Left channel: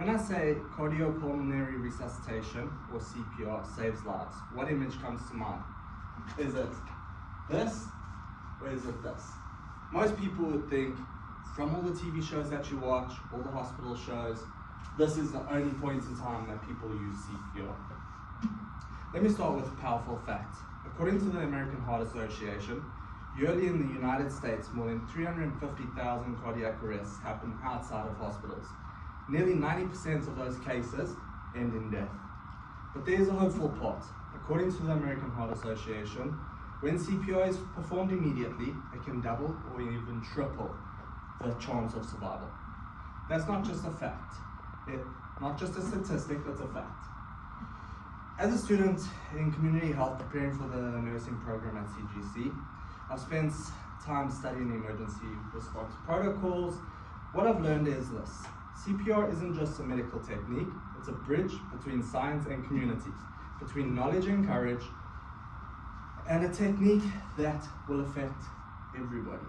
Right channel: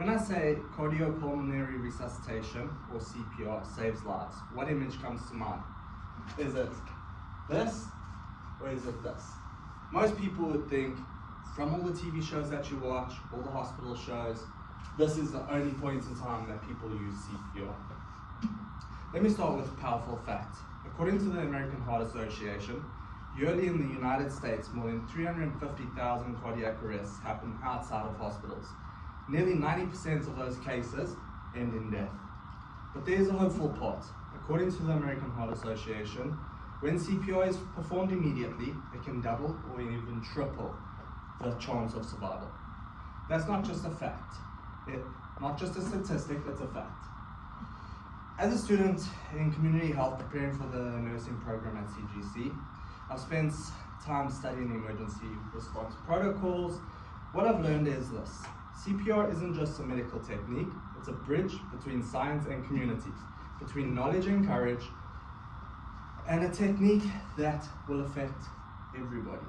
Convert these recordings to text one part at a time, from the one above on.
When I say cardiopulmonary resuscitation, or CPR, saves lives, what image comes to mind? Is it this, or is it this? Most people would think, from all the TV shows that you watch, all the hospital shows, this is the only point in time that people use CPR. Let me start with a powerful fact. According to the American Heart Association, yearly in the United States, more than 350,000 cardiac arrests happen outside of hospitals. Nearly 90% of those cases end in death. But there's a hopeful part. According to the American Heart Association, when CPR is performed immediately, it can double or even triple the chance of survival. That's not just a fact. Not just a statistic, it's a fact. As a student in community health preparing for the nursing program at CGC, I've spent time studying emergency response protocols. What I've learned is this: CPR isn't just a medical technique, it's a bridge between science and community, between knowledge and courage, and a technique that will affect everybody.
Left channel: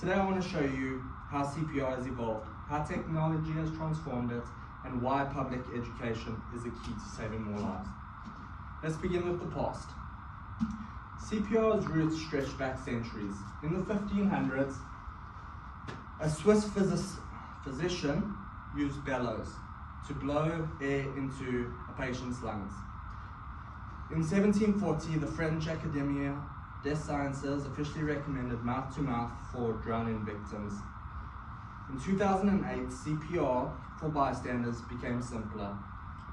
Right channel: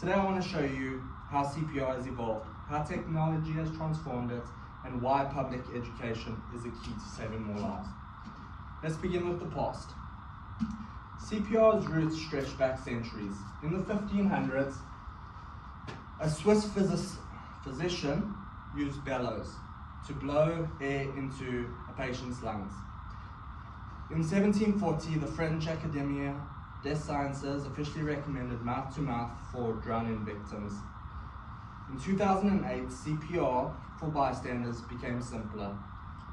Today I want to show you how CPR has evolved, how technology has transformed it, and why public education is a key to saving more lives. Let's begin with the past. CPR's roots stretch back centuries. In the 1500s, a Swiss physician used bellows to blow air into a patient's lungs. In 1740, the French Académie des Sciences officially recommended mouth-to-mouth for drowning victims. In 2008, CPR for bystanders became simpler.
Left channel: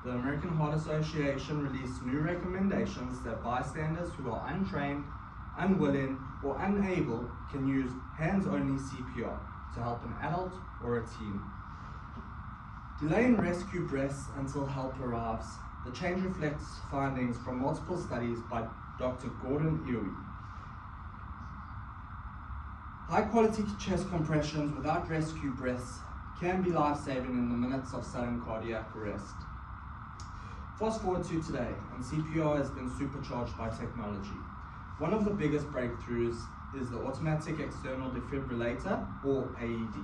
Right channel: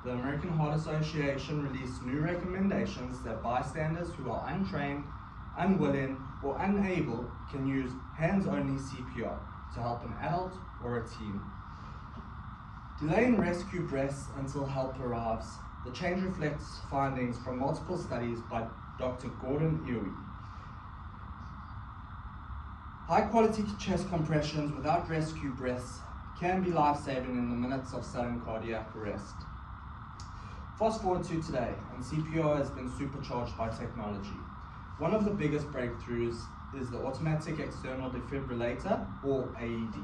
The American Heart Association released new recommendations that bystanders who are untrained, unwilling, or unable can use hands-only CPR to help an adult or a teen. Delaying rescue breaths until help arrives. The change reflects findings from multiple studies by Dr. Gordon Ewe. High-quality chest compressions without rescue breaths can be life-saving in the minutes of sudden cardiac arrest. Fast forward to today, and CPR has been supercharged by technology. One of the biggest breakthroughs is the automatic external defibrillator, or AED.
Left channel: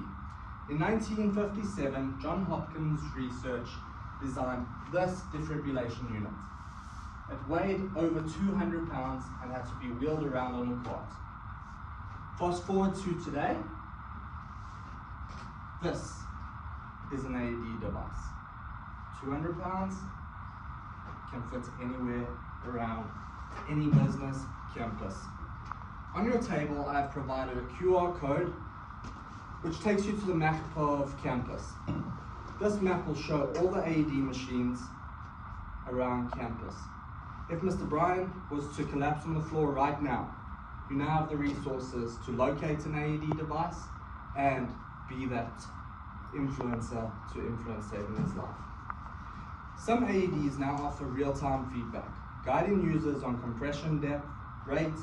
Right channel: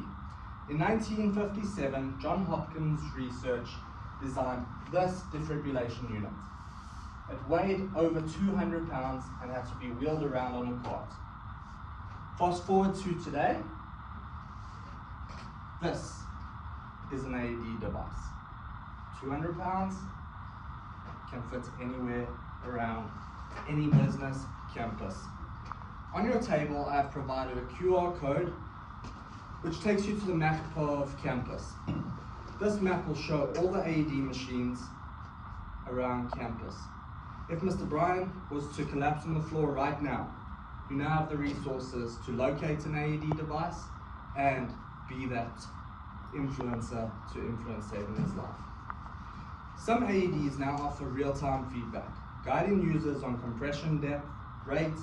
In 1957, Johns Hopkins research designed this defibrillation unit. It weighed over 200 pounds and had to be wheeled around on a cart. Fast forward to today, this is an AED device. 200 pounds, can fit anywhere around any business campus. On your table, I've provided a QR code which takes you to the map of campus. This map will show all the AED machines around campus. If Mr. Brian was to collapse on the floor right now, you now have the resources to locate an AED device and be that influencer to influence saving his life. Some AEDs now offer real-time feedback, guiding users on compression depth, rate,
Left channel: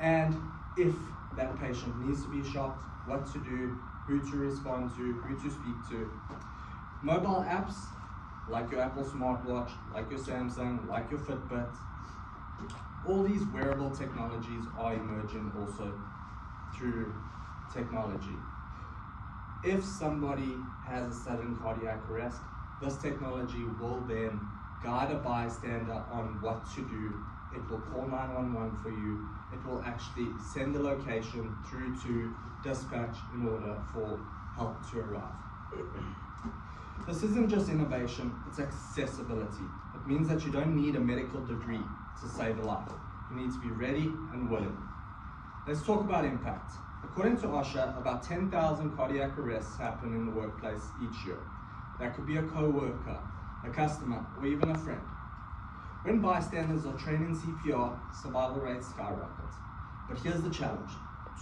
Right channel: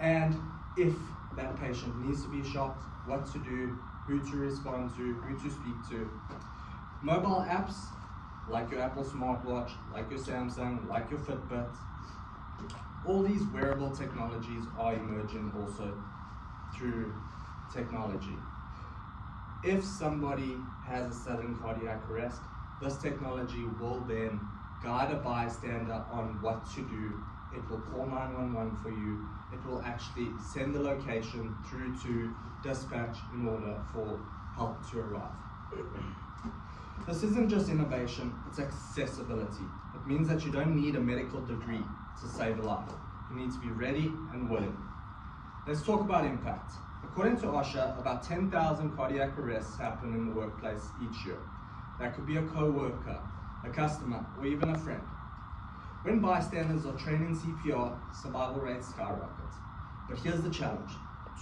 and if that patient needs to be shocked, what to do, who to respond to, who to speak to. Mobile apps, like your Apple smartwatch, like your Samsung, like your Fitbit, all these wearable technologies are emerging also through technology. If somebody has a sudden cardiac arrest, this technology will then guide a bystander on what to do. It will call 911 for you. It will actually send the location through to dispatch in order for help to arrive. This isn't just innovation, it's accessibility. It means that you don't need a medical degree to save a life. You need to be ready and willing. Let's talk about impact. According to OSHA, about 10,000 cardiac arrests happen in the workplace each year. That could be a co-worker, a customer, or even a friend. When bystanders are trained in CPR, survival rates skyrocket. But here's the challenge.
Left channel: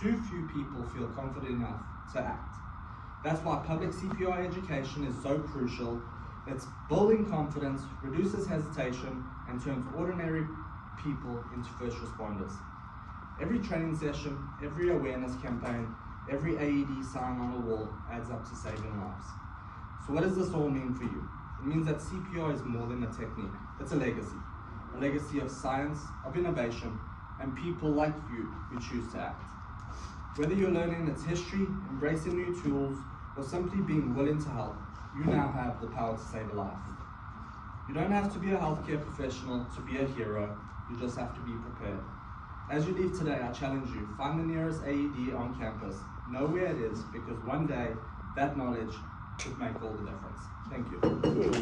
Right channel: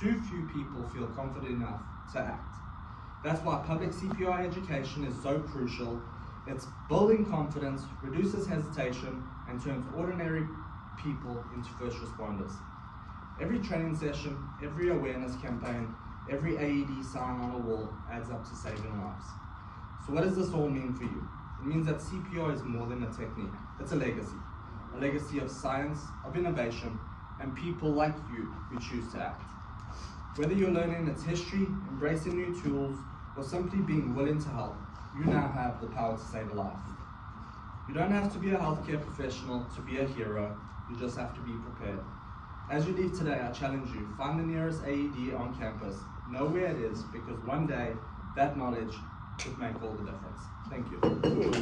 Too few people feel confident enough to act. That's why public CPR education is so crucial. It's building confidence, reduces hesitation, and turns ordinary people into first responders. Every training session, every awareness campaign, every AED sign on a wall adds up to saving lives. So what does this all mean for you? It means that CPR is more than a technique, it's a legacy of science, of innovation, and people like you who choose to act. Whether you're learning its history, embracing new tools, or simply being willing to help, you now have the power to save a life. You don't have to be a healthcare professional to be a hero, you just have to be prepared. As you leave today, I challenge you, find the nearest AED on campus, know where it is, because one day, that knowledge could make all the difference. Thank you.